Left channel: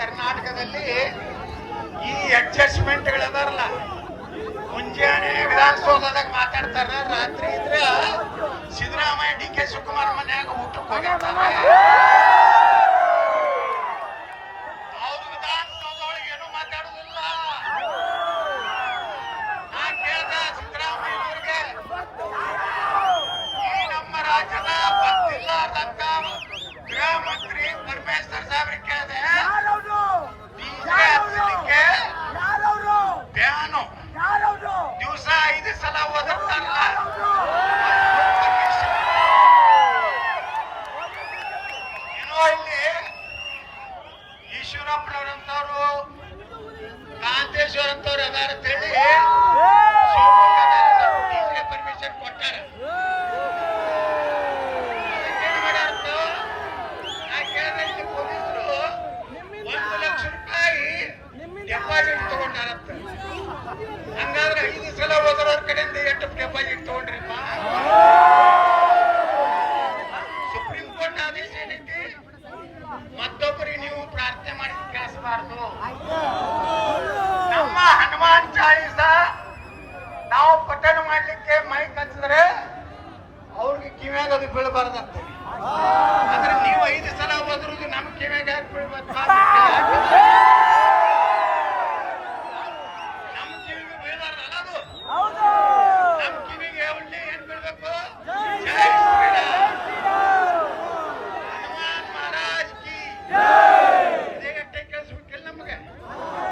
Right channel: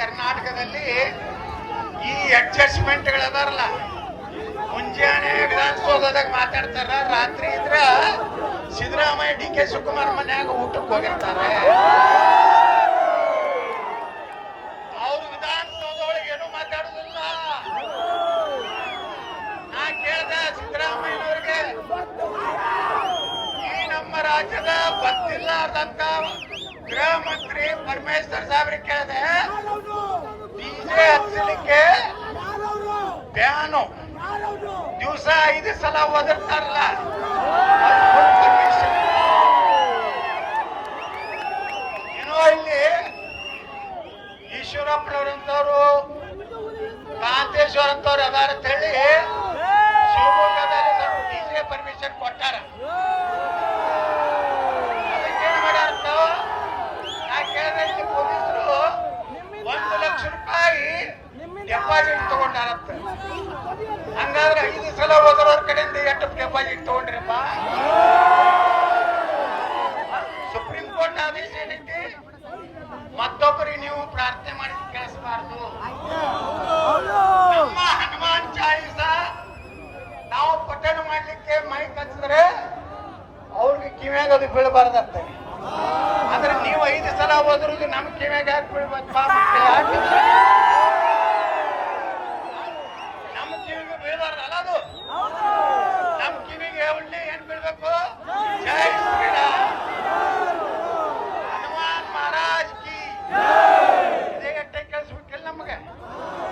ಕರ್ನಾಟಕದಲ್ಲಿ ಈ ಅಡ್ಜಸ್ಟ್ಮೆಂಟ್ಗಳದಾರಲ್ಲ, ಮುಂಜಾನೆ ವಿಧಾನಸೌಧದಾಗ ಮಾತಾಡ್ತಾರ, ರಾತ್ರಿ ಇದ್ರ ಸಿದ್ದರಾಮಯ್ಯ ಡಿ ಕೆ ಶಿವಕುಮಾರ್ ಮನ್ಯಾಗ ಊಟಕ್ಕೆ ಹೋಗಿರ್ತಾರೆ. ಅವ್ರು ವಿಧಾನಸೌಧ ಒಳಗೆ ಏನು ಮಾತಾಡುದಿಲ್ಲ. ನಾ ಕೇಳ್ದ ಸಿದ್ದರಾಮಯ್ಯನವ್ರಿಗೆ, ಈ ನಮ್ಮ ರಾಜ್ಯದ ಬಂದಿಲ್ಲಾರ್ದಂತ ಗೃಹ ಮಂತ್ರಿ ಪರಮೇಶ್ವರ್ ಸಾಹೇಬ್ರಿಗೆ ಕೇಳಿದೆ, ಡಿಜೆ ಹಚ್ಚಲಿಕ್ಕೆ ಬ್ಯಾನು ದಿವಸ 5 ಸಲ ಒದರ್ತಾರಲ್ಲ, ಪರ್ಮಿಷನ್ ಏನೋ ಇಲ್ಲಿ ಈಶ್ವರಪ್ಪನವರಂತವ್ರು ಕಾಂತೇಶ್ವರ ಅಂತವ್ರು ಅದಾರ ಅಂತ ಹೇಳಿ ಶಿವಮೊಗ್ಗದಲ್ಲಿ ಡಿಜೆ ಪರ್ಮಿಷನ್ ಕೊಟ್ಟಾರ. ಅದಕ್ಕೇನ್ ಮಾಡ್ಯಾರಂತ ನಾ ಕೇಳಿದ್ರೆ, ಇಲ್ಲಿ ಪೊಲೀಸರು 1 ಲಕ್ಷ ರೂಪಾಯಿ ಡೆಪಾಸಿಟ್ ತಗೊಂಡಾರಂತ. ಹಂಗಾದ್ರೆ 5 ಸಲ ಹೋದವ್ರ ಕಡೆಯಿಂದ ಎಷ್ಟು ಡೆಪಾಸಿಟ್ ತಗೊಂಡ್ರಪ್ಪ? ಸುಪ್ರೀಂ ಕೋರ್ಟ್ ಆದೇಶ ಏನೈತಿ, ಮತ್ತೊಬ್ಬರಿಗೆ ನೀವು ಪ್ರಾರ್ಥನೆ ಮಾಡಿ ಕೇಳಿಸಬಾರ್ದು. ನಮ್ಮ ಹನುಮಾನ್ ಚಾಲೀಸ ನಾವು ಪಠಣ ಮಾಡ್ಲಿಕ್ಕೆ ಮೈ ಕಚ್ಚಿದ್ರೆ ಅವ್ರಿಗೆ ಕಿವ್ಯಾಗ ಅದು ಬೀಳಬಾರ್ದಂತ. ಆದ್ರೆ ನೀವು 5 ಸಲ ಹೋದ್ರೂ ನಮ್ ಕಿವ್ಯಾಗ ಯಾಕೆ ಬೀಳ್ಬಾರ್ದು?